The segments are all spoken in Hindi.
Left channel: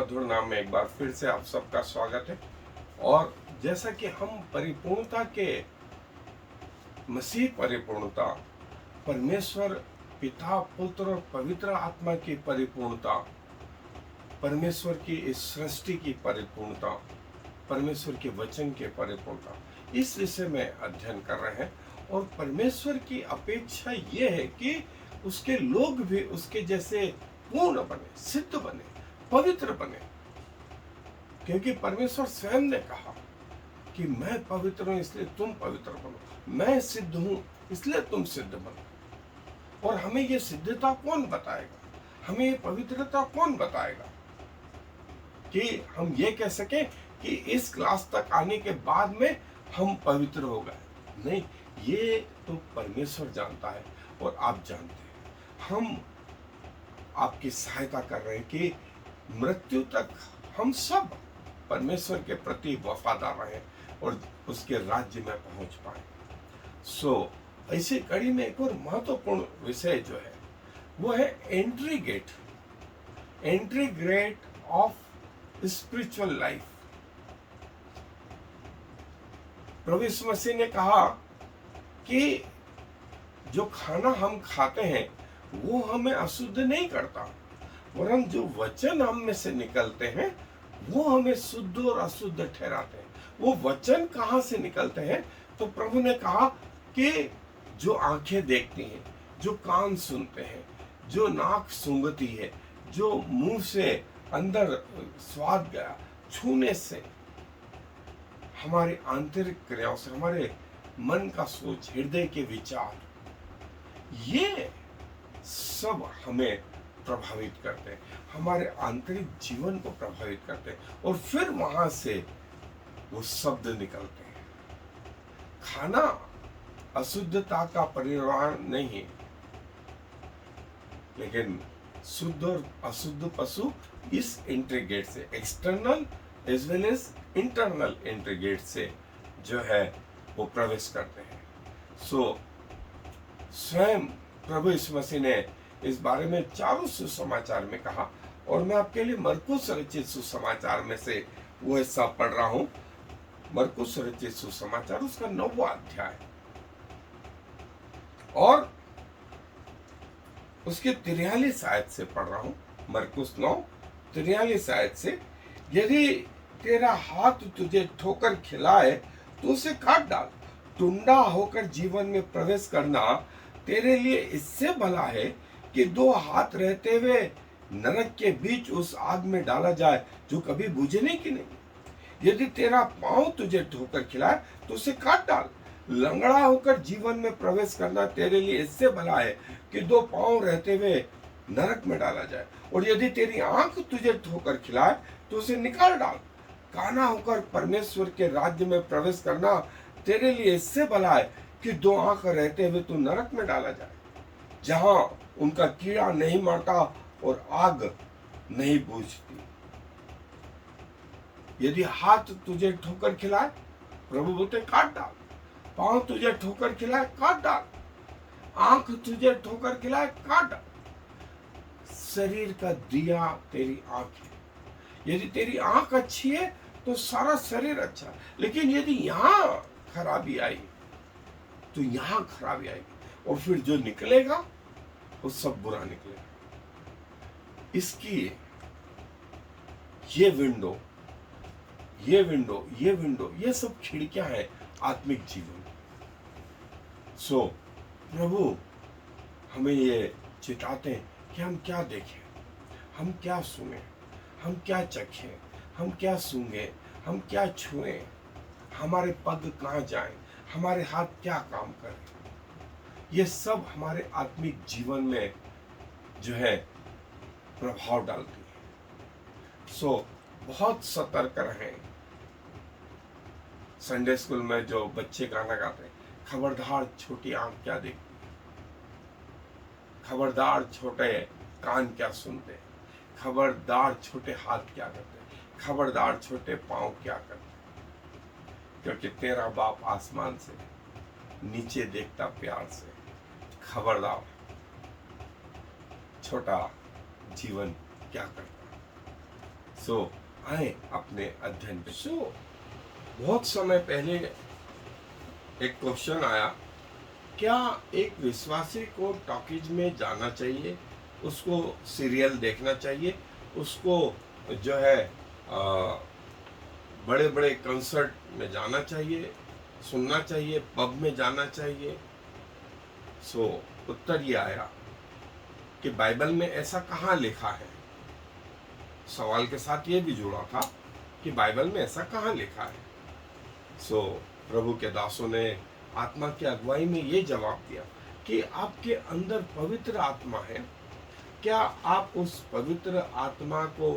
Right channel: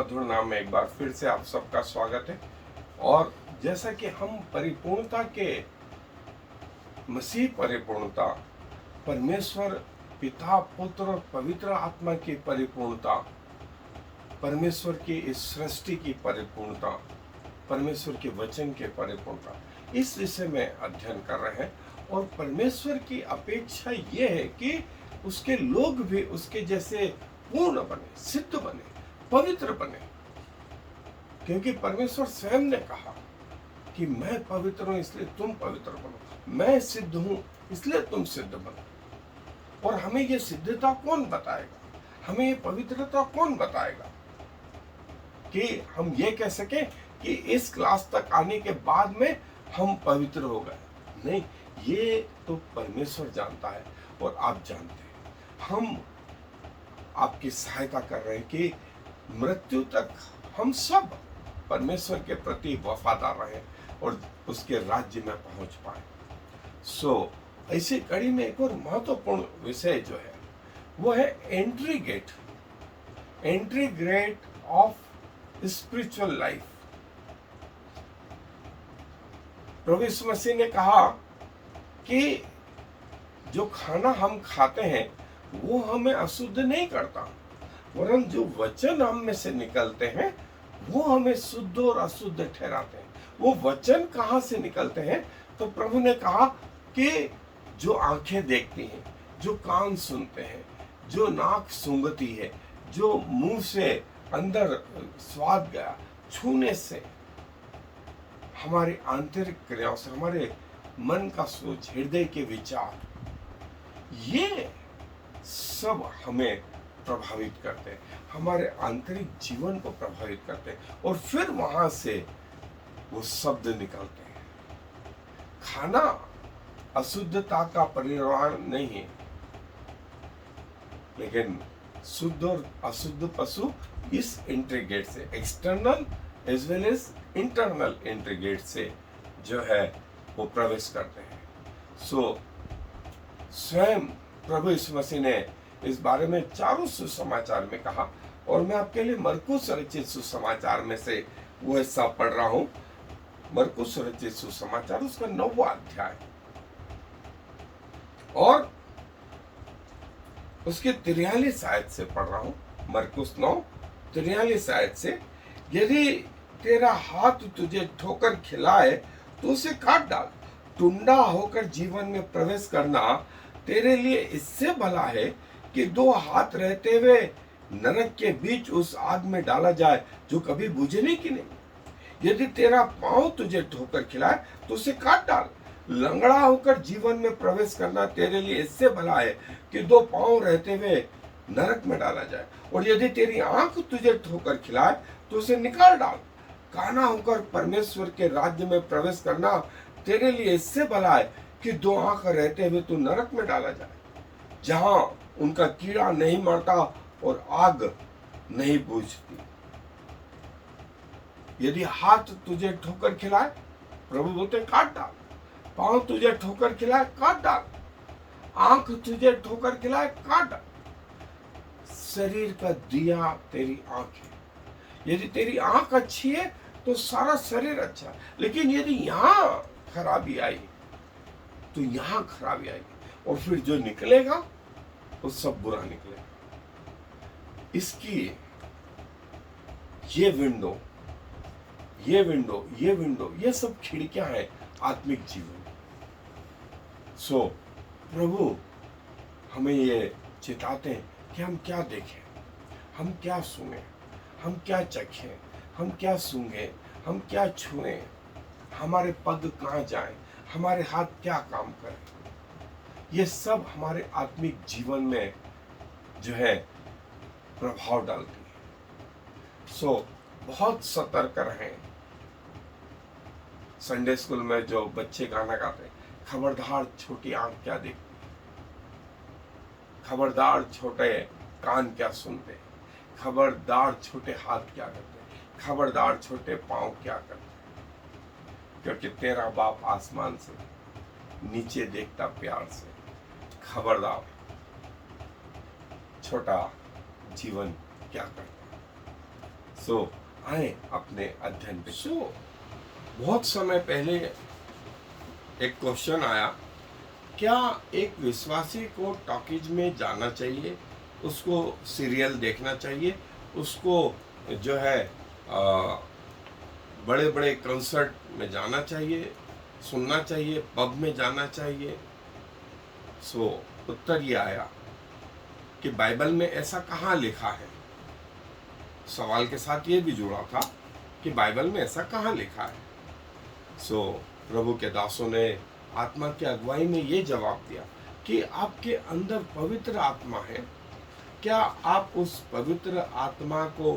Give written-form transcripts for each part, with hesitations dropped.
मधुर नाम में एक बार फिर से आप सबका स्वागत है। और जैसा कि हम परिपूर्णता के मसीह परिपूर्णता, परमेश्वर पिता, पुत्र और पवित्र आत्मा की परिपूर्णता, परमेश्वर की इस सृष्टि की परिपूर्णता, परमेश्वर के वचन के परिपूर्णता, इस विषय में अध्ययन कर रहे हैं। और परमेश्वर की अपेक्षा ये है कि उसके लोग भी उसके जैसे पूर्ण बने, सिद्ध बने, पवित्र बने। क्योंकि परमेश्वर स्वयं ने कहा कि मैं पवित्र हूं इसलिए तुम पवित्र बनो, मैं सिद्ध हूं इसलिए तुम सिद्ध बनो। और हमें ये सिद्धता कौन बताएगा, हमें ये पवित्रता कौन बताएगा कि हम ये कह सकें कि इस क्लास तक आने के बाद में हम पवित्र हो गए? नहीं, ये तो परमेश्वर जानता है और आप जानते हैं। हम आपकी सहायता कर रहे हैं कि मृत्यु तक हम सब परमेश्वर के प्रति वफादार रहें और उसके राज्य में पहुंच पाए। ऐसी कड़ी में एक और महत्वपूर्ण विषय जो है वो है entry gate of spiritual life. प्रभु यीशु मसीह ने कहा कि जो खाना हम खाते हैं वो हमें अशुद्ध नहीं करता, वरन जो वचन हम में से निकलते हैं वो हमें शुद्ध और अशुद्ध ठहराते हैं। वो वचन कहाँ से निकलते हैं? तो प्रभु ने कहा कि जो आंखें देखती हैं, जो कान सुनते हैं, जो नाक सूंघती है, जो मुंह से अंदर स्वाद गया, छूने से, हमारी आंतरिक क्रियाओं से, हमारे मन का सोच, हृदय के विचार, ये सब हमें प्रभावित करते हैं, हमारे आंतरिक जीवन को प्रभावित करते हैं और फिर वहां से वो शब्द निकलते हैं। खाना अशुद्धता का परिवार नहीं है, लेकिन शुद्ध और अशुद्ध पशु इस एंट्री गेट से, external as well as internal entry gate से जो है वो प्रवेश करते हैं। स्वयं प्रभु यीशु मसीह ने इस बारे में चारों सुसमाचार में कहा और मैं आपके लिए मरकुस रचित सुसमाचार में से वो हिस्सा पढ़ रहा हूं। मरकुस रचित सुसमाचार उसका 9वां अध्याय और उसके 43 आयत से पढ़ रहा हूं। मरकुस 9:43 आयत से, यदि तेरा हाथ तुझे ठोकर खिलाए तो उसे काट डाल, टुंडा होकर जीवन में प्रवेश करना तेरे लिए इससे भला है कि 2 हाथ रहते हुए नरक के बीच उस आग में डाला जाए जो कभी बुझने की नहीं। यदि तेरा पांव तुझे ठोकर खिलाए तो उसे काट डाल, लंगड़ा होकर जीवन में प्रवेश करना तेरे लिए इससे भला है कि 2 पांव रहते हुए नरक में डाला जाए। और यदि तेरी आंख तुझे ठोकर खिलाए तो उसे निकाल डाल, काना होकर परमेश्वर के राज्य में प्रवेश करना तेरे लिए इससे भला है कि 2 आंख रहते हुए तू नरक में डाला जाए, जहां उनका कीड़ा नहीं मरता और आग नहीं बुझती। यदि हाथ तुझे ठोकर खिलाए, प्रभु बोलते काट डाल, पांव तुझे ठोकर खिलाए काट डाल, आंख तुझे ठोकर खिलाए काट डाल। शरीर का दिया तेरी आंख है। यदि तेरी आंख अच्छी है तो सारा शरीर अच्छा है, लेकिन यदि यहां खराबी आई तो यहां खराबी आएगी और फिर जो निकलेगा वो सब बुरा निकलेगा। इसकी ये विंडो ये सब खिड़कियां हैं आत्मिक जीवन। प्रभु हमें ये चिताते हैं कि हम क्या देखें, हम क्या सुने, हम क्या चखें, हम क्या सूंघें, हम क्या छुएं, हमारे पग कहाँ जाएं, हमारे हाथ क्या काम करें। ये सब हमारे आत्मिक जीवन में जो है प्रभाव डालती है। बहुत सतर्क रहें। संडे स्कूल में जो बच्चे गाना गाते हैं, खबरदार छोटी आंख क्या देखती, खबरदार छोटे कान क्या सुनते, खबरदार छोटे हाथ क्या करते, खबरदार छोटे पांव क्या करते, क्योंकि तेरा बाप आसमान से नीचे देखता प्यार से। खबरदार छोटा जीवन क्या करता है। सो आए अपने अध्ययन पे। बहुत समय पहले एक क्वेश्चन आया, क्या एक विश्वासी को टॉकीज में जाना चाहिए, उसको सीरियल देखना चाहिए, उसको जो है बड़े बड़े कंसर्ट में जाना चाहिए, सुनना चाहिए, पब में जाना चाहिए? उत्तर ये आया कि बाइबल में ऐसा कहाँ लिखा है। सवाल के साथ ये भी जुड़ा था कि बाइबल में ऐसा कहाँ लिखा है। प्रभु के दासों ने आत्मा की अगुवाई में ये जवाब दिया कि आपके अंदर पवित्र आत्मा है, क्या आप उस पवित्र आत्मा को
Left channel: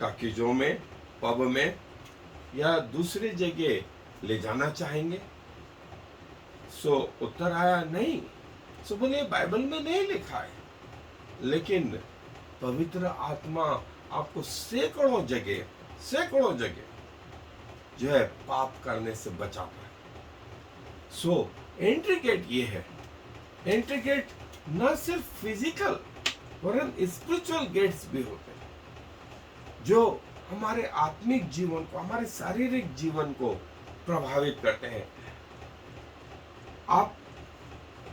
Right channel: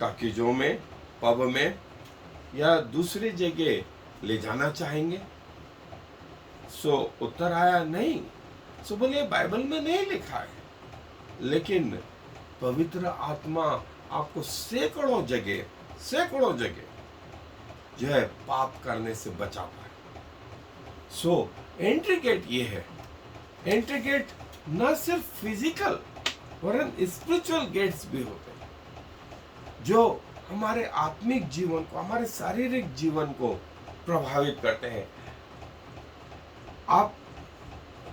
टॉकीजों में, पब में या दूसरी जगह ले जाना चाहेंगे? उत्तर आया नहीं। बोलिए बाइबल में नहीं लिखा है, लेकिन पवित्र आत्मा आपको सैकड़ों जगह जो है पाप करने से बचा पाए। एंट्री गेट ये है। एंट्री गेट न सिर्फ फिजिकल वरन स्पिरिचुअल गेट्स भी होते हैं जो हमारे आत्मिक जीवन को, हमारे शारीरिक जीवन को प्रभावित करते हैं। आप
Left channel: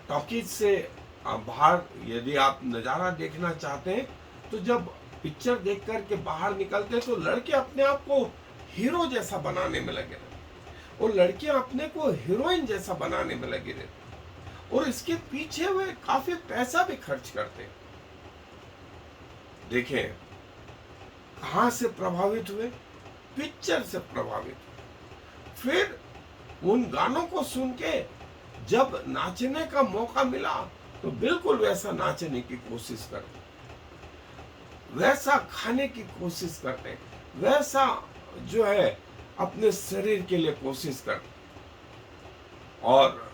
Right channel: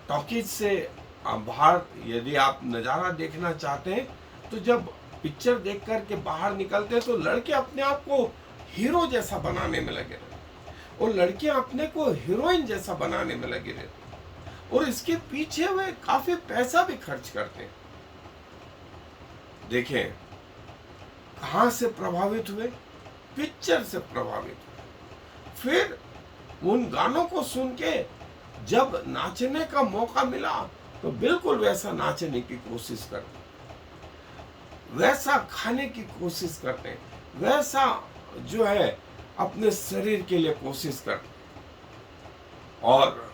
टॉकीज से बाहर यदि आप नजारा देखना चाहते हैं तो जब पिक्चर देख करके बाहर निकलते हैं तो लड़के अपने आप को हीरो जैसा बनाने में लगे रहते और लड़कियां अपने को हीरोइन जैसा बनाने में लगे रहते और इसके पीछे वे काफी पैसा भी खर्च करते हैं। देखें कहां से प्रभावित हुए? पिक्चर से प्रभावित हुए। फिर उन गानों को सुन के जब नाचने का मौका मिला तो बिल्कुल वैसा नाचने की कोशिश करते, वैसा खाने की कोशिश करते, वैसा जो है अपने शरीर के लिए कोशिश करते। और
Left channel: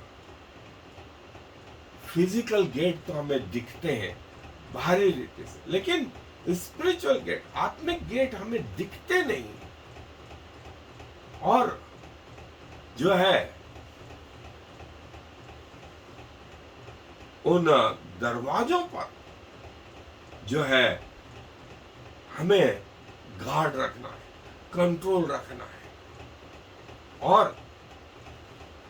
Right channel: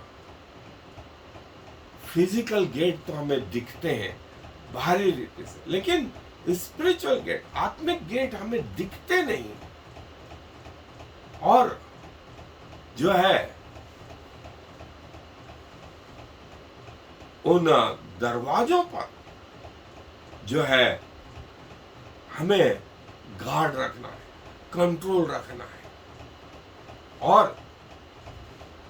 फिजिकल गेट तो हमें दिखते हैं बाहरी रीति से, लेकिन स्पिरिचुअल गेट, आत्मिक गेट हमें दिखते नहीं। और जो है उन दरवाजों पर जो है हमें गार्ड रखना है, कंट्रोल रखना है। और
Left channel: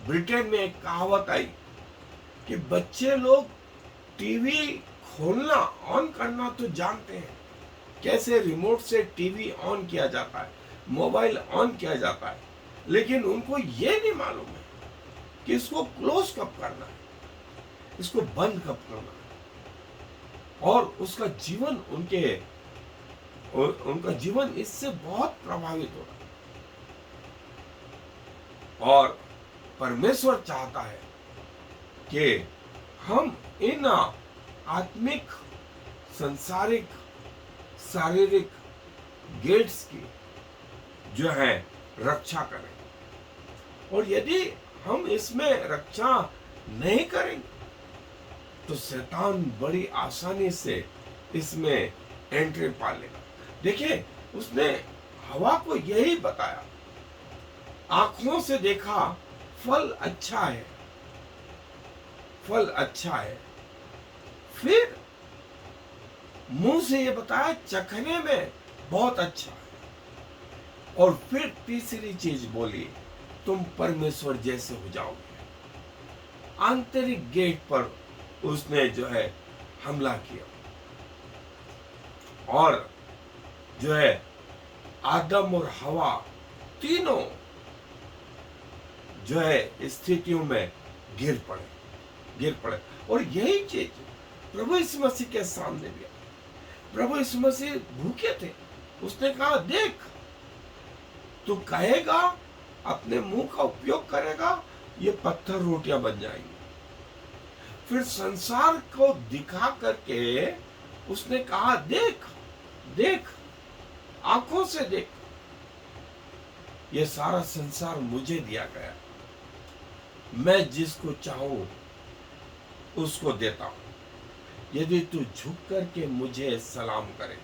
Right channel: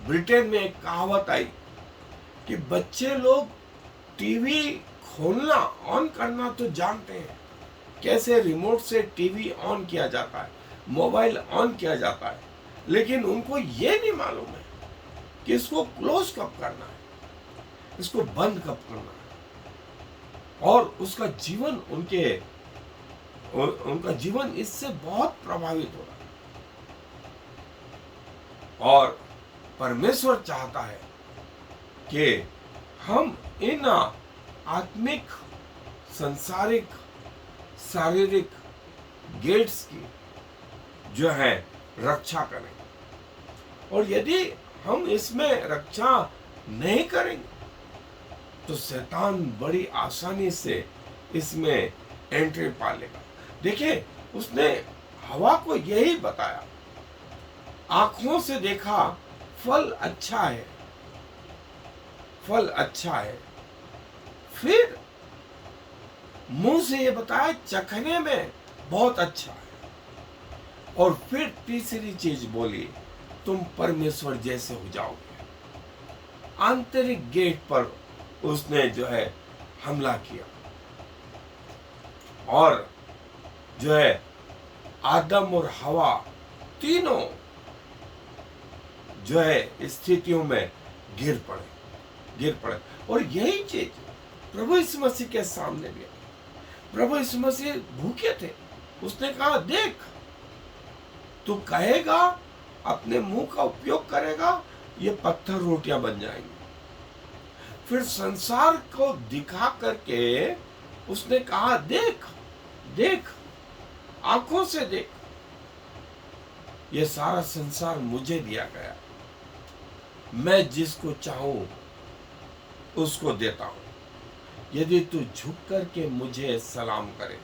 ब्रिटेन में एक कहावत आई कि बच्चे लोग टीवी खोलना, ऑन करना तो जानते हैं, कैसे रिमोट से टीवी ऑन किया जाता है, मोबाइल ऑन किया जाता है, लेकिन उनको ये नहीं मालूम है कि इसको क्लोज कब करना है, इसको बंद कब करना है। और उसका जीवन उनका जीवन इससे बहुत प्रभावित हो रहा है। और परमेश्वर चाहता है कि हम इन आत्मिक, संसारिक, शारीरिक गेट्स की जो है रक्षा करें। और यदि हम इसमें रक्षा नहीं करेंगे तो शैतान बड़ी आसानी से इसमें एंट्री पा लेगा। देखिए उसने हवा को यही बताया, आंखों से देखा फल अच्छा है, फल अच्छा है। फिर मुंह से ये बताया चखने में बहुत अच्छा है। और फिर तीसरी चीज बोली, तुम परमेश्वर जैसे हो जाओगे। आंतरिक गेट पर उसने जो है हमला किया और जो है आदम और हवा तीनों जो है स्थितियों में गिर पड़े। और यही चीज प्रभु यीशु मसीह के सामने भी। प्रभु यीशु मसीह भूखे थे, उसने कहा देख, तू कहेगा, अपने मुंह का उपयोग करेगा, ये पत्थर रोटियां बन जाएंगी। फिर संसार को दिखा करके उसने कहा देख, आंखों से देख, ये सारा संसार मुझे दिया गया, मैं जिसको चाहूं उसको देता हूं। यदि तू झुक करके मुझे सलाम करे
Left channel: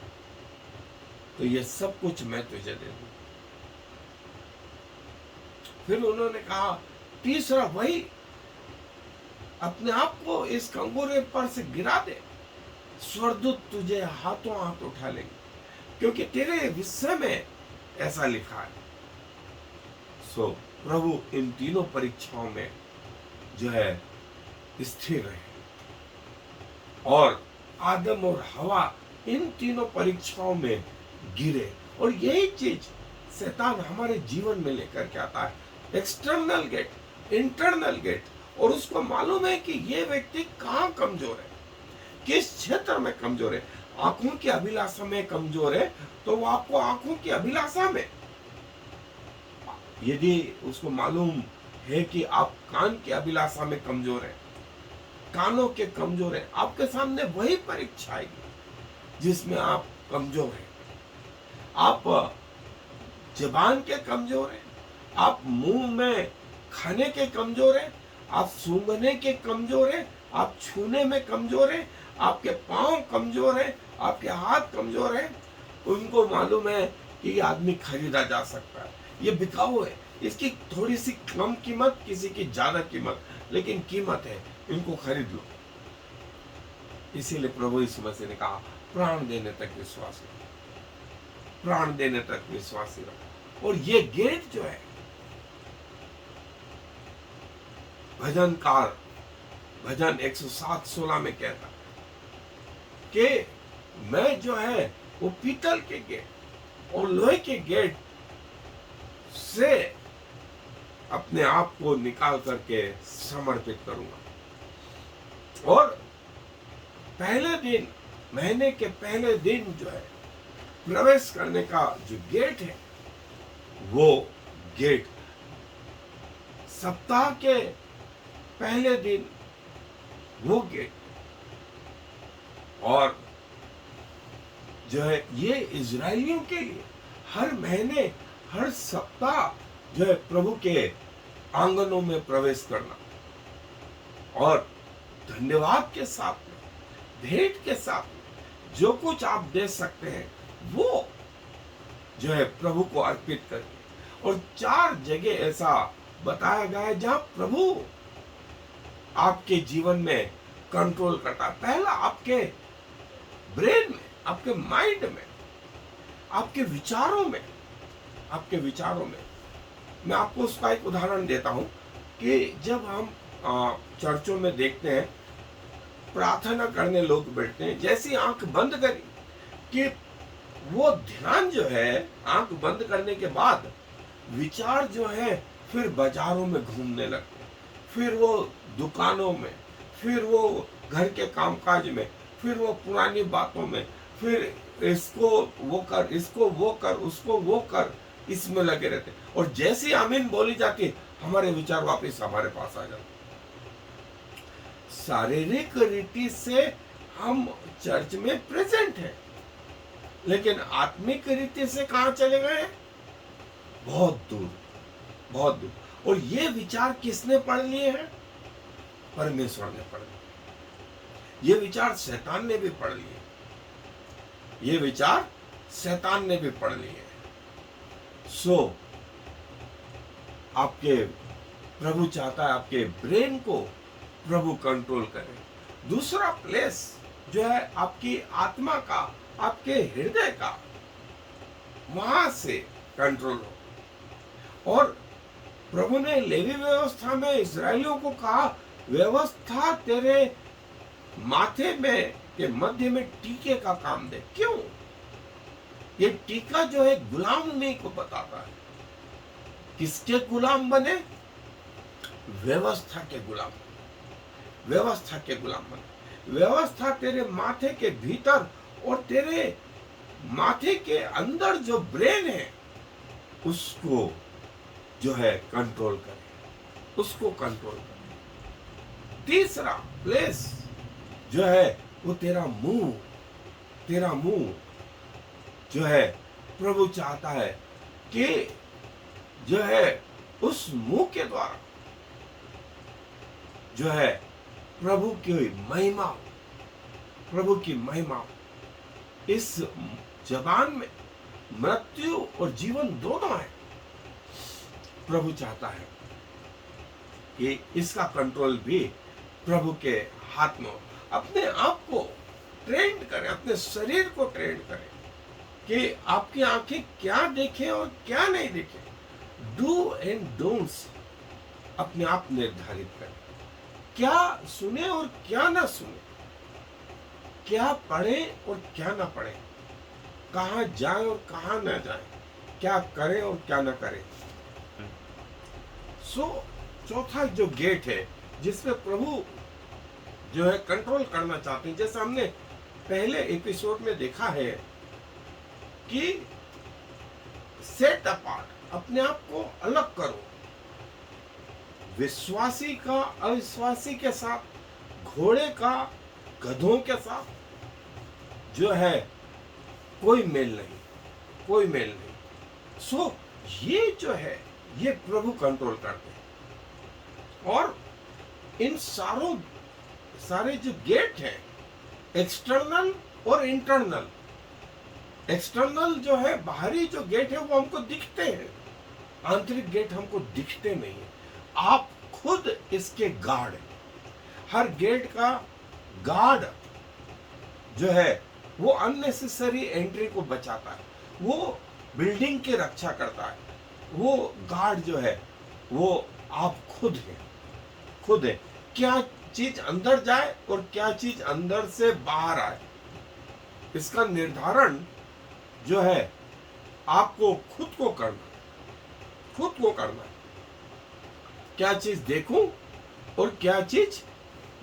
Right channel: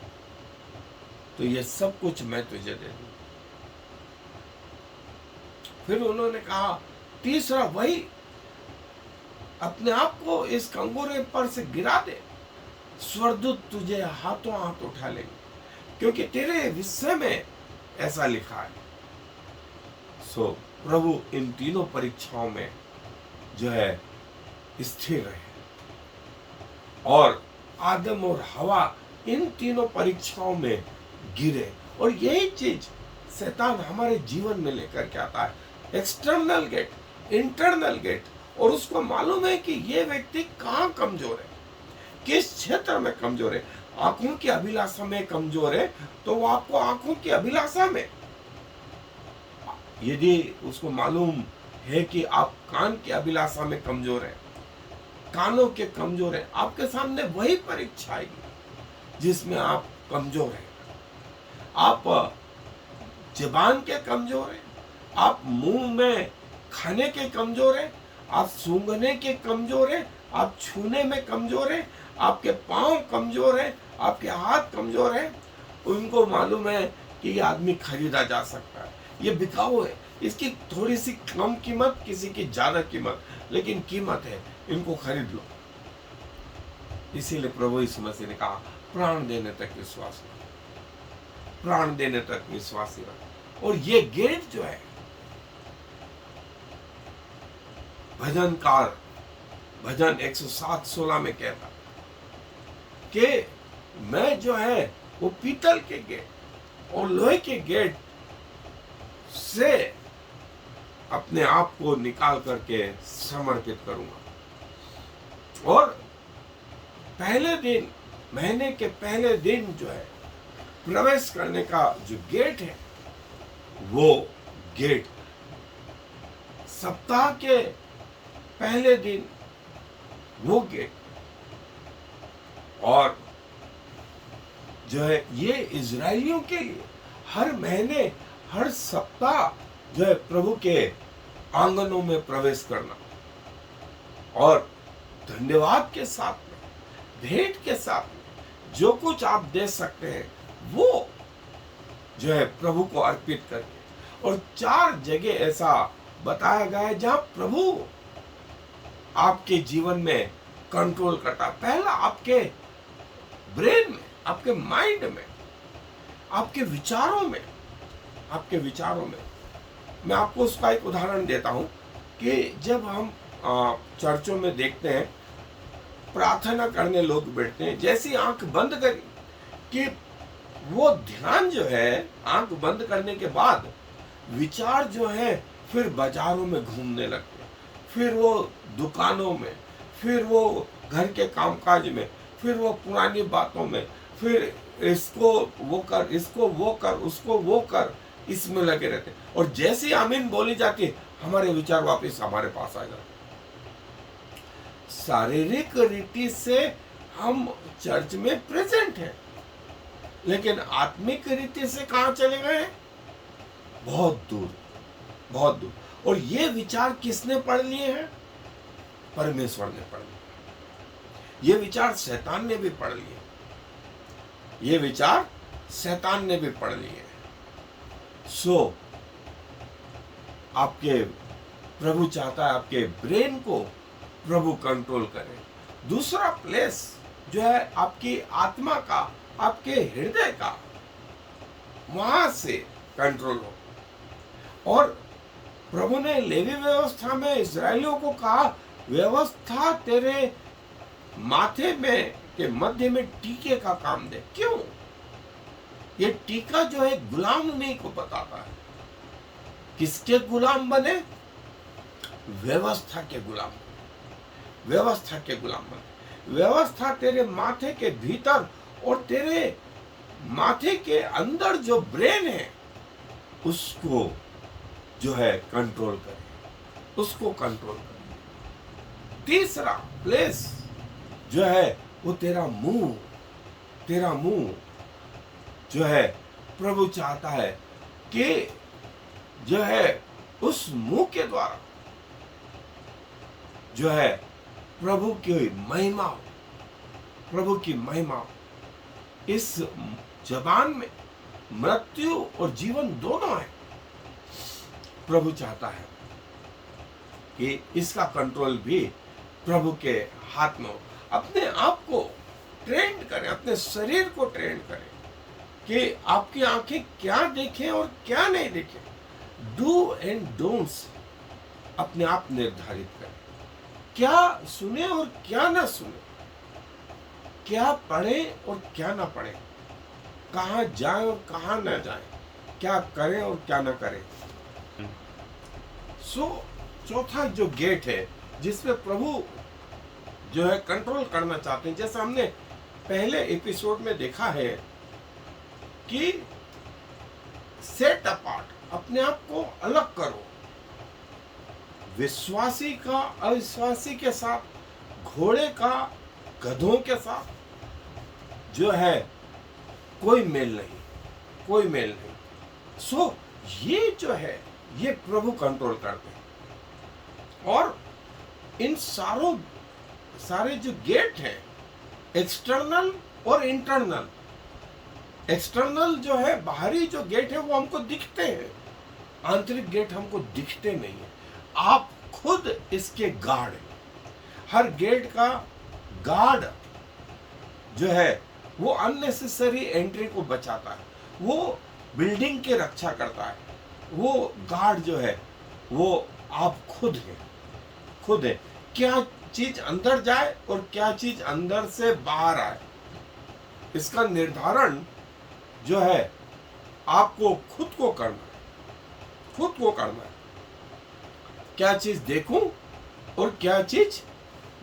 तो ये सब कुछ मैं तुझे दे दूं। फिर उन्होंने कहा तीसरा वही, अपने आप को इस कंगूरे पर से गिरा दे, स्वर्गदूत तुझे हाथों हाथ उठा लेंगे। क्योंकि तेरे विषय में ऐसा लिखा है। सो प्रभु इन तीनों परीक्षाओं में जो है स्थिर रहे, और आदम और हवा इन तीनों परीक्षाओं में गिरे। और यही चीज शैतान हमारे जीवन में लेकर के आता है, एक्सटर्नल गेट, इंटरनल गेट। और उसको मालूम है कि ये व्यक्ति कहाँ कमजोर है, किस क्षेत्र में कमजोर है। आंखों की अभिलाषा में कमजोर है तो वो आपको आंखों की अभिलाषा में, यदि उसको मालूम है कि आप कान की अभिलाषा में कमजोर है, कानों के कमजोर है, आपके सामने वही परीक्षा आएगी जिसमें आप कमजोर हैं। आप जबान के कमजोर हैं, आप मुंह में खाने के कमजोर हैं, आप सूंघने के कमजोर हैं, आप छूने में कमजोर हैं, आपके पांव कमजोर हैं, आपके हाथ कमजोर हैं। उनको मालूम है कि ये आदमी खरीदा जा सकता है, ये बिकाऊ है, इसकी थोड़ी सी कम कीमत, किसी की ज्यादा कीमत, लेकिन कीमत है, इनको खरीद लो। इसीलिए प्रभु यीशु मसीह ने कहा प्राण देने तक विश्वास रखो, प्राण देने तक विश्वासी रखो। और ये गेट जो है, भजनकार भजन 107:16 में कहता कि मैं जो है वो पीतल के गेट और लोहे के गेट से अपने आप को निकाल करके समर्पित करूंगा। और पहले दिन, महीने के पहले दिन जो है प्रवेश करने का जो गेट है, वो गेट सप्ताह के पहले दिन वो गेट, और जो है ये इजरायलियों के लिए हर महीने, हर सप्ताह जो है प्रभु के आंगनों में प्रवेश करना, और धन्यवाद के साथ में, भेंट के साथ में जो कुछ आप दे सकते हैं वो जो है प्रभु को अर्पित करके। और 4 जगह ऐसा बताया गया है जहां प्रभु आपके जीवन में कंट्रोल करता है। पहला आपके ब्रेन में, आपके माइंड में, आपके विचारों में, आपके विचारों में। मैं आपको उसका एक उदाहरण देता हूं कि जब हम चर्चों में देखते हैं प्रार्थना करने लोग बैठते हैं, जैसी आंख बंद करी कि वो ध्यान जो है आंख बंद करने के बाद विचार जो है फिर बाजारों में घूमने लगते, फिर वो दुकानों में, फिर वो घर के कामकाज में, फिर वो पुरानी बातों में, फिर इसको वो कर, इसको वो कर, उसको वो कर, इसमें लगे रहते। और जैसे आमीन बोली जाती हमारे विचार वापस हमारे पास आ जाते। शारीरिक रीति से हम चर्च में प्रेजेंट हैं, लेकिन आत्मिक रीति से कहां चले गए? बहुत दूर, बहुत दूर। और ये विचार किसने पढ़ लिए हैं? परमेश्वर ने पढ़ लिए। ये विचार शैतान ने भी पढ़ लिए, ये विचार शैतान ने भी पढ़ लिए। सो आपके प्रभु चाहता है आपके ब्रेन को प्रभु कंट्रोल करे। दूसरा प्लेस जो है आपकी आत्मा का, आपके हृदय का, वहां से कंट्रोल हो। और प्रभु ने लेवी व्यवस्था में इस्राएलियों को कहा, व्यवस्था तेरे माथे में के मध्य में टीके का काम दे। क्यों? ये टीका जो है गुलामी को बताता है। किसके गुलाम बने? व्यवस्था के गुलाम, व्यवस्था के गुलाम बने। व्यवस्था तेरे माथे के भीतर और तेरे माथे के अंदर जो ब्रेन है उसको जो है कंट्रोल करे, उसको कंट्रोल करे। तीसरा प्लेस जो है वो तेरा मुंह, तेरा मुंह जो है प्रभु चाहता है कि जो है उस मुंह के द्वारा जो है प्रभु की महिमा, प्रभु की महिमा। इस जबान में मृत्यु और जीवन दोनों है। प्रभु चाहता है कि इसका कंट्रोल भी प्रभु के हाथ में हो। अपने आप को ट्रेन करें, अपने शरीर को ट्रेन करें कि आपकी आंखें क्या देखें और क्या नहीं देखें। डू एंड डोंट्स अपने आप निर्धारित करें। क्या सुने और क्या ना सुने, क्या पढ़े और क्या ना पढ़े, कहाँ जाए और कहाँ न जाए, क्या करें और क्या न करें। सो चौथा जो गेट है जिसमें प्रभु जो है कंट्रोल करना चाहते हैं, जैसे हमने पहले एपिसोड में देखा है कि सेट अपार्ट, अपने आप को अलग करो। विश्वासी का अविश्वासी के साथ, घोड़े का गधों के साथ जो है कोई मेल नहीं, कोई मेल नहीं। सो ये जो है ये प्रभु कंट्रोल करते हैं। और इन सारे जो गेट है, एक्सटर्नल और इंटरनल, एक्सटर्नल जो है बाहरी जो गेट है वो हमको दिखते हैं, आंतरिक गेट हमको दिखते नहीं है। आप खुद इसके गार्ड हैं। हर गेट का गार्ड जो है वो अननेसेसरी एंट्री को बचाता है, वो बिल्डिंग की रक्षा करता है। वो गार्ड जो है वो आप खुद हैं, खुद है। क्या चीज अंदर जाए और क्या चीज अंदर से बाहर आए, इसका निर्धारण जो है आपको खुद को करना है, खुद को करना है। क्या चीज देखूं और क्या चीज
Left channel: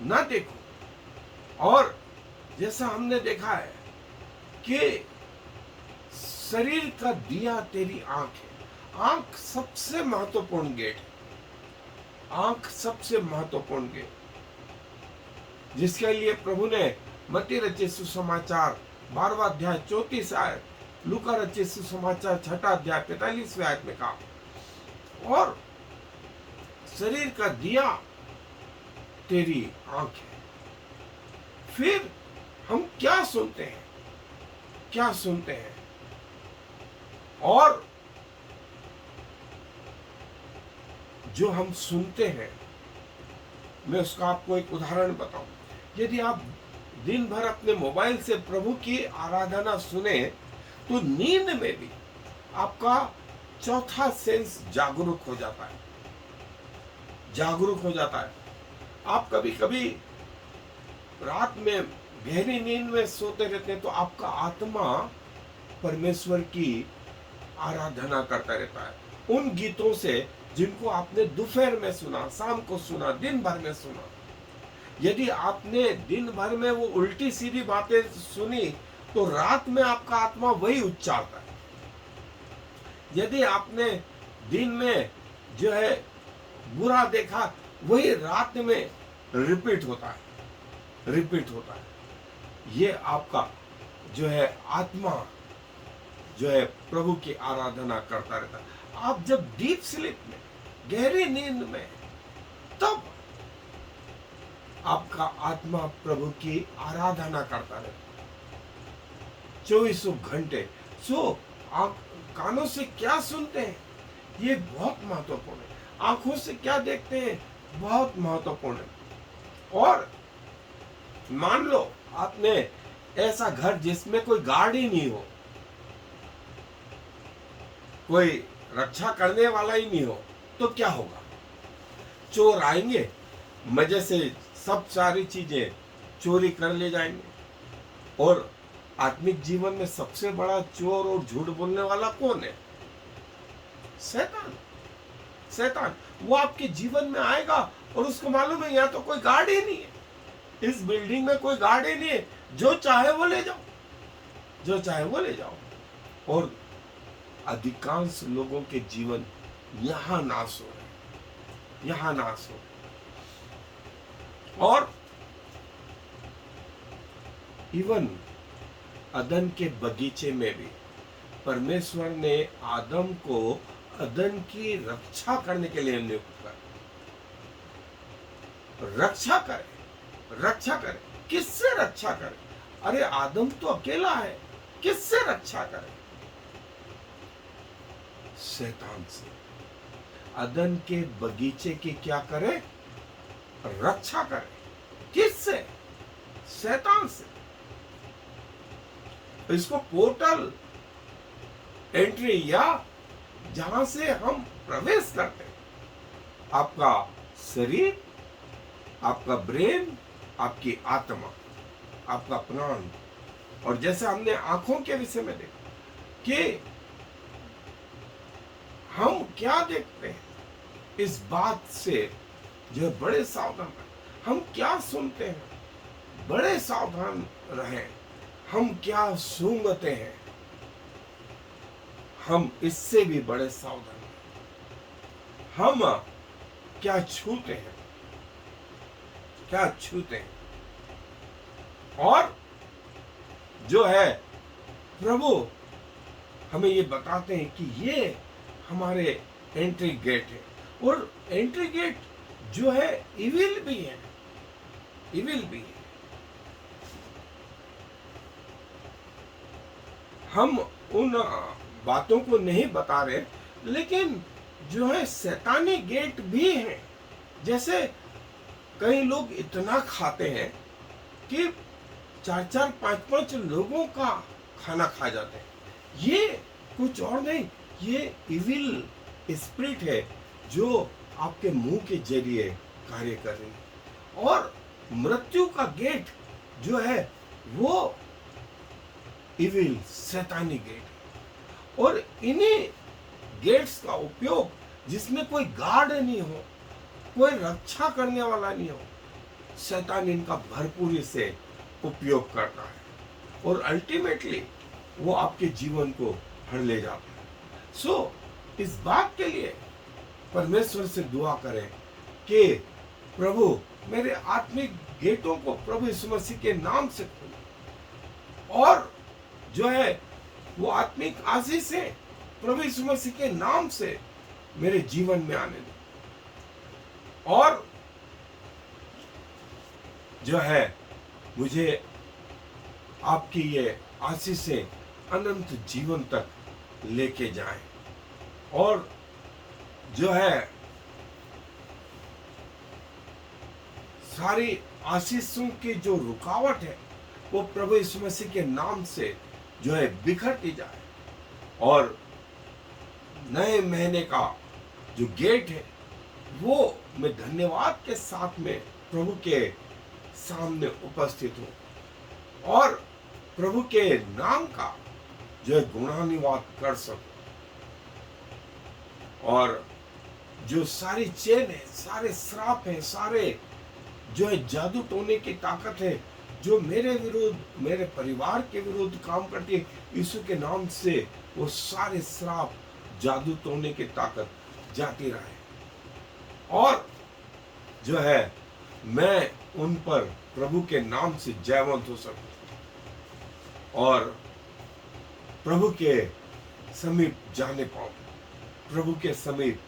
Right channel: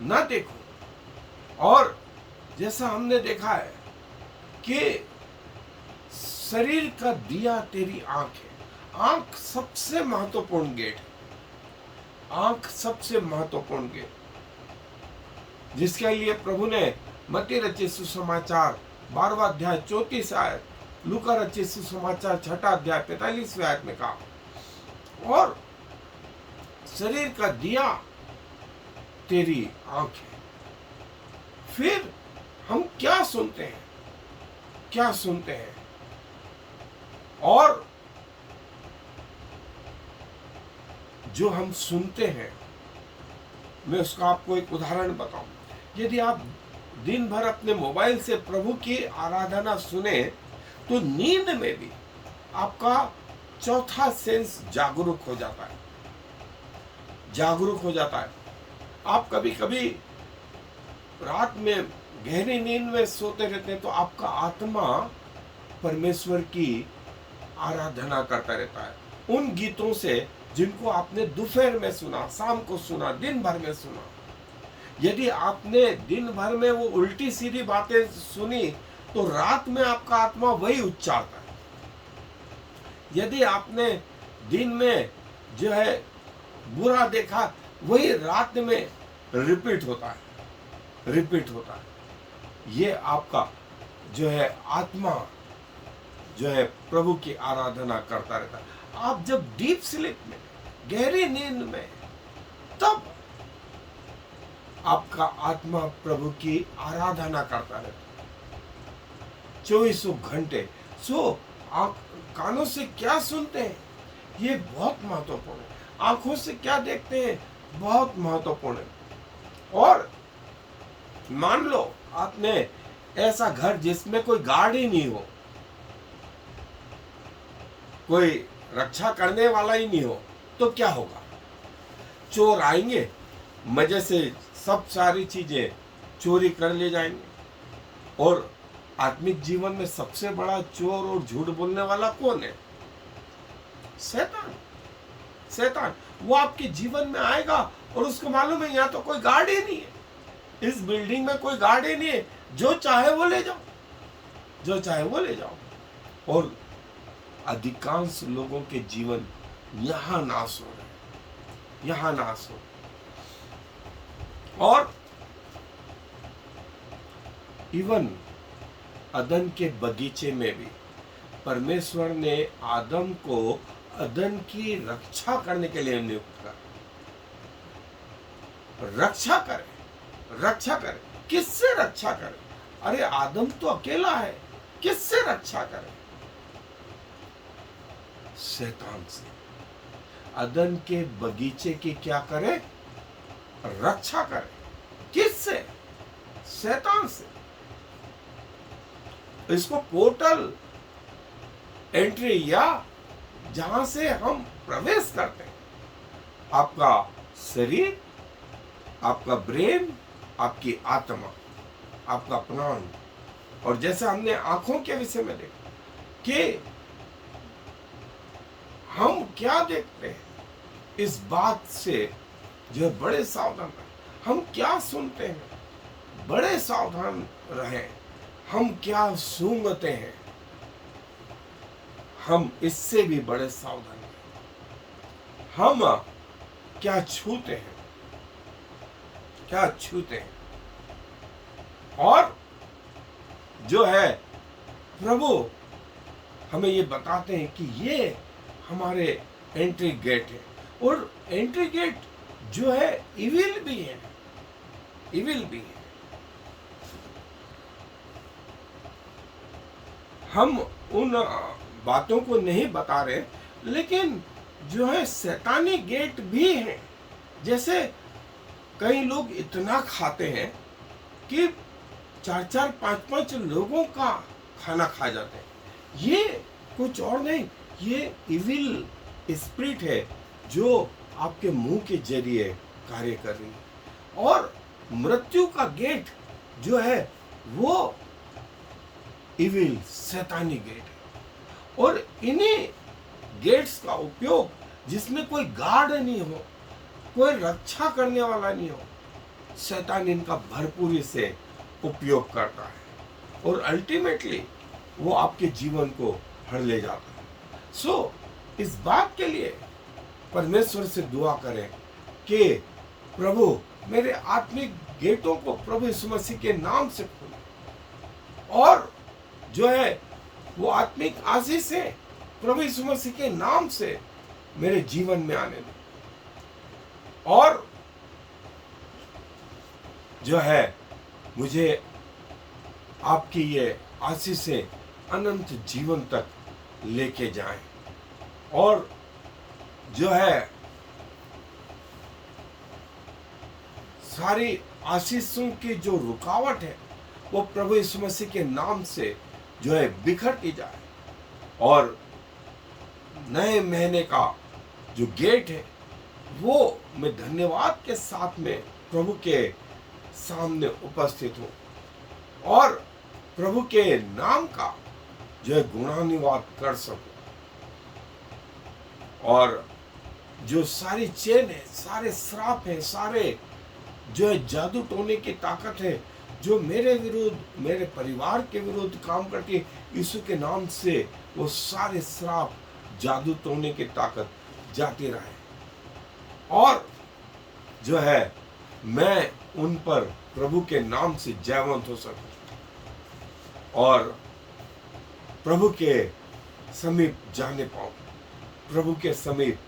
ना देखूं। और जैसा हमने देखा है कि शरीर का दिया तेरी आंख है। आंख सबसे महत्वपूर्ण गेट है, आंख सबसे महत्वपूर्ण गेट, जिसके लिए प्रभु ने मत्ती रचित सुसमाचार 12वां अध्याय 34 आयत, लूका रचित सुसमाचार 6वां अध्याय 45वें आयत में कहा। और शरीर का दिया तेरी आंख है। फिर हम क्या सुनते हैं, क्या सुनते हैं। और जो हम सुनते हैं, मैं उसका आपको एक उदाहरण बताऊं। यदि आप दिन भर अपने मोबाइल से प्रभु की आराधना सुने तो नींद में भी आपका चौथा सेंस जागरूक हो जाता है, जागरूक हो जाता है। आप कभी कभी रात में गहरी नींद में सोते रहते हैं तो आपका आत्मा परमेश्वर की आराधना करता रहता है उन गीतों से जिनको आपने दोपहर में सुना, शाम को सुना, दिन भर में सुना। यदि आपने दिन भर में वो उल्टी सीधी बातें सुनी तो रात में आपका आत्मा वही उच्चारता है। यदि आपने दिन में जो है बुरा देखा, वही रात में रिपीट होता है, रिपीट होता है। ये आपका जो है आत्मा जो है प्रभु की आराधना करता रहता है। आप जब डीप स्लीप में, गहरी नींद में, तब आपका आत्मा प्रभु की आराधना करता रहता है 24 घंटे। सो आप कानों से क्या सुनते हैं ये बहुत महत्वपूर्ण है, आंखों से क्या देखते हैं बहुत महत्वपूर्ण है। और मान लो आपने ऐसा घर जिसमें कोई गार्ड ही नहीं हो, कोई रक्षा करने वाला ही नहीं हो, तो क्या होगा? चोर आएंगे, मजे से सब सारी चीजें चोरी कर ले जाएंगे। और आत्मिक जीवन में सबसे बड़ा चोर और झूठ बोलने वाला कौन है? शैतान। शैतान वो आपके जीवन में आएगा और उसको मालूम है यहाँ तो कोई गार्ड ही नहीं है, इस बिल्डिंग में कोई गार्ड ही नहीं है, जो चाहे वो ले जाओ, जो चाहे वो ले जाओ। और अधिकांश लोगों के जीवन यहां नाश हो रहे, यहां नाश हो। और इवन अदन के बगीचे में भी परमेश्वर ने आदम को अदन की रक्षा करने के लिए नियुक्त कर, रक्षा करे, रक्षा करे। किससे रक्षा करे? अरे आदम तो अकेला है, किससे रक्षा करे? शैतान से। अदन के बगीचे की क्या करे? रक्षा करे। किससे? शैतान से। इसको पोर्टल एंट्री या जहां से हम प्रवेश करते हैं। आपका शरीर, आपका ब्रेन, आपकी आत्मा, आपका प्राण। और जैसे हमने आंखों के विषय में देखा कि हम क्या देखते हैं, इस बात से जो है बड़े सावधान रहें। हम क्या सुनते हैं, बड़े सावधान रहें। हम क्या सूंघते हैं, हम इससे भी बड़े सावधान रहें। हम क्या छूते हैं, क्या छूते हैं। और जो है प्रभु हमें ये बताते हैं कि ये हमारे एंट्री गेट है। और एंट्री गेट जो है इविल भी है, इविल भी है। हम उन बातों को नहीं बता रहे, लेकिन जो है शैतानी गेट भी है। जैसे कई लोग इतना खाते हैं कि 4-4, 5-5 लोगों का खाना खा जाते हैं। ये कुछ और नहीं, ये इविल स्पिरिट है जो आपके मुंह के जरिए कार्य कर रही है। और मृत्यु का गेट जो है वो इविल शैतानी गेट है। और इन्हीं गेट्स का उपयोग, जिसमें कोई गार्ड नहीं हो, कोई रक्षा करने वाला नहीं हो, शैतान इनका भरपूरी से उपयोग करता है और अल्टीमेटली वो आपके जीवन को हर ले जाता है। सो इस बात के लिए परमेश्वर से दुआ करें कि प्रभु मेरे आत्मिक गेटों को प्रभु यीशु मसीह के नाम से खोले, और जो है वो आत्मिक आशीष है प्रभु यीशु मसीह के नाम से मेरे जीवन में आने दें। और जो है मुझे आपकी ये आशीषें अनंत जीवन तक लेके जाएं। और जो है सारी आशीषों की जो रुकावट है वो प्रभु यीशु मसीह के नाम से जो है बिखरती जाए। और नए महीने का जो गेट है वो मैं धन्यवाद के साथ में प्रभु के सामने उपस्थित हूं और प्रभु के नाम का जो है गुणानुवाद कर सकूं। और जो सारी चेन है, सारे श्राप है, सारे जो है जादू टोने की ताकत है जो मेरे विरुद्ध, मेरे परिवार के विरुद्ध काम करती है, यीशु के नाम से वो सारे श्राप, जादू टोने की ताकत जाती रहे। और जो है मैं उन पर प्रभु के नाम से जयवंत हो सकूं और प्रभु के समीप जाने पाऊं, प्रभु के समीप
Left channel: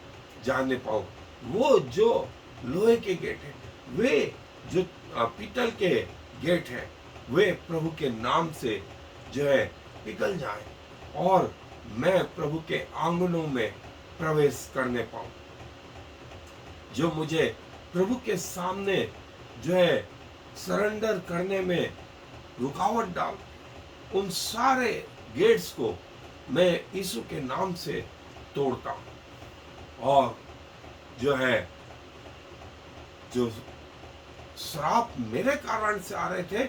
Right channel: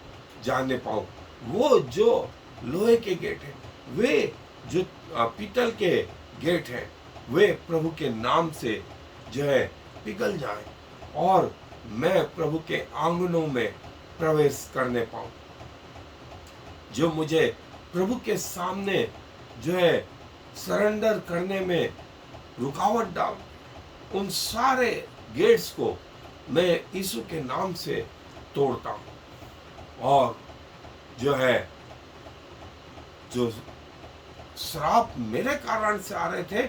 जाने पाऊं। वो जो लोहे के गेट है, वे जो पीतल के गेट है, वे प्रभु के नाम से जो है पिघल जाए और मैं प्रभु के आंगनों में प्रवेश करने पाऊं। जो मुझे प्रभु के सामने जो है सरेंडर करने में रुकावट डाल, उन सारे गेट्स को मैं यीशु के नाम से तोड़ता हूं। और जो है जो श्राप मेरे कारण से आ रहे थे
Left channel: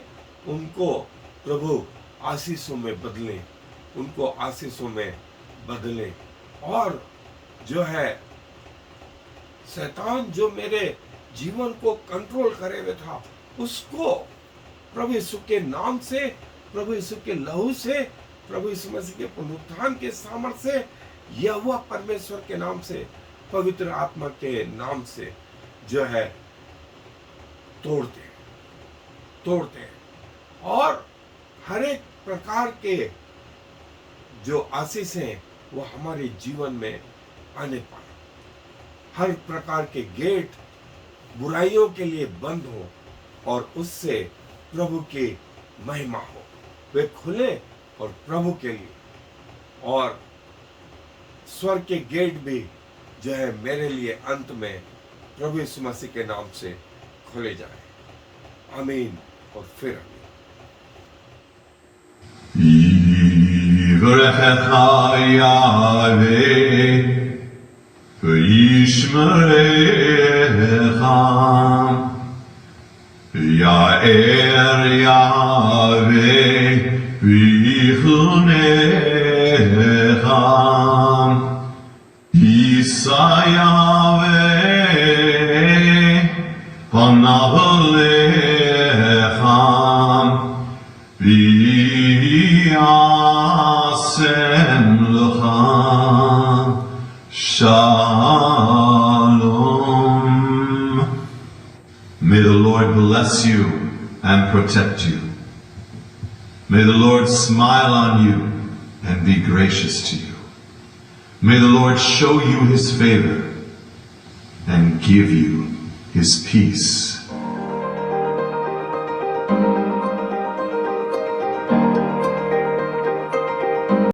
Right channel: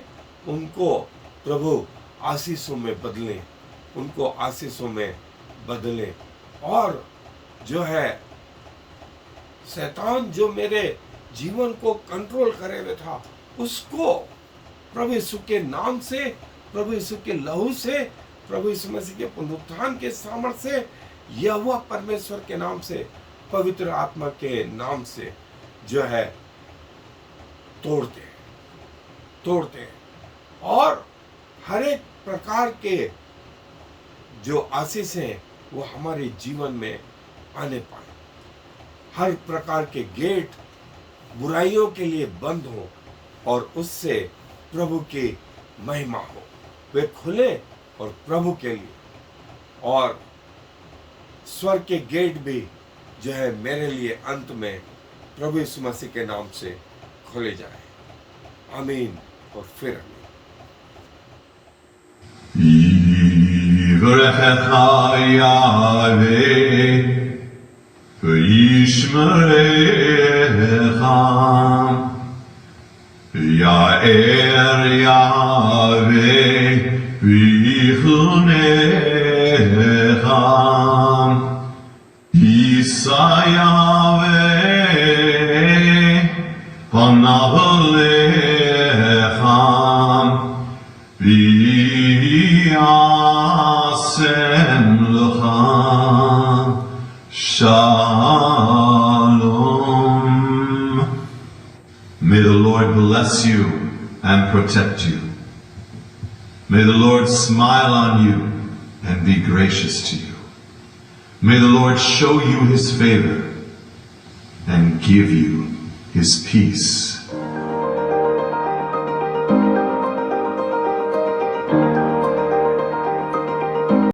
उनको प्रभु आशीषों में बदले, उनको आशीषों में बदले। और जो है शैतान जो मेरे जीवन को कंट्रोल करे हुए था, उसको प्रभु यीशु के नाम से, प्रभु यीशु के लहू से, प्रभु यीशु मसीह के पुनरुत्थान के सामर्थ्य से, यहोवा परमेश्वर के नाम से, पवित्र आत्मा के नाम से जो है तोड़ते हैं। और हर एक प्रकार के जो आशीष हैं वो हमारे जीवन में आने पाए। हर प्रकार के गेट बुराइयों के लिए बंद हो और उससे प्रभु की महिमा हो, वे खुले और प्रभु के लिए। और स्वर्ग के गेट भी जो है मेरे लिए अंत में प्रभु यीशु मसीह के नाम से खोले जाए। आमीन और फिर आमीन। Yivrechecha Yahweh v'yishmerecha Ya'er Yahweh v'yichunecha Yisa Yahweh panav alecha v'yasem lecha Shalom. May the Lord bless you and protect you. May the Lord smile on you and be gracious to you. May the Lord show you his favor and give you his peace.